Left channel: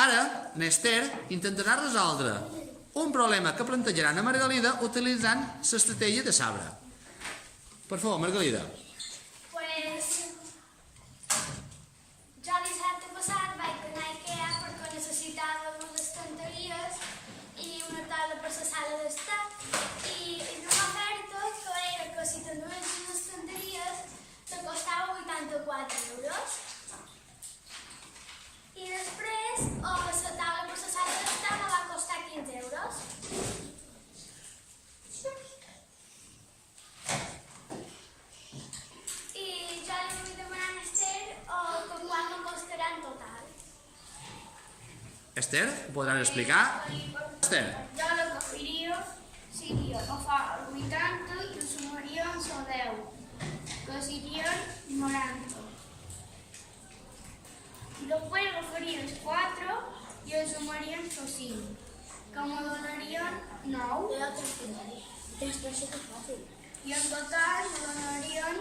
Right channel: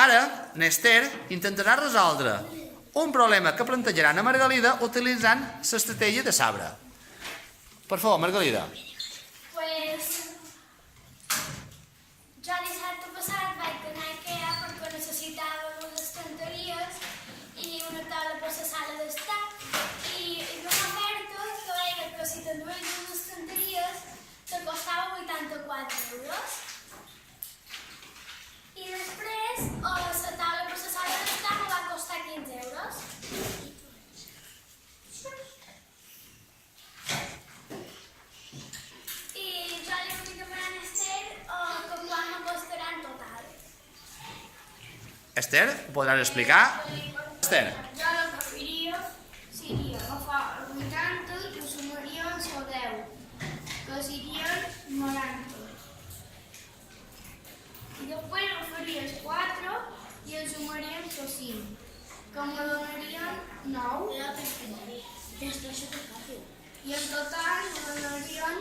Ara, n'Ester intentarà resoldre un problema que plantejarà a Margalida utilitzant l'estratègia de sabre. Per favor, Margalida. Pues jo dissabte passat vaig anar a Ikea perquè necessitava unes estanteries i una taula per la sala d'estar i una oferta que era que si t'endues unes estanteries te costava 84 euros. I després la taula per la sala d'estar me va costar 15 euros. I jo li vull demanar a Ester que quan me costarà en total. Ester, ho podràs explicar? Ester. Jo el que faria seria agafar el 80 i ho sumaria amb el 10, que serien 90. I després agafaria els 4 i els sumaria amb el 5, que me donarien 9. I en total me donarien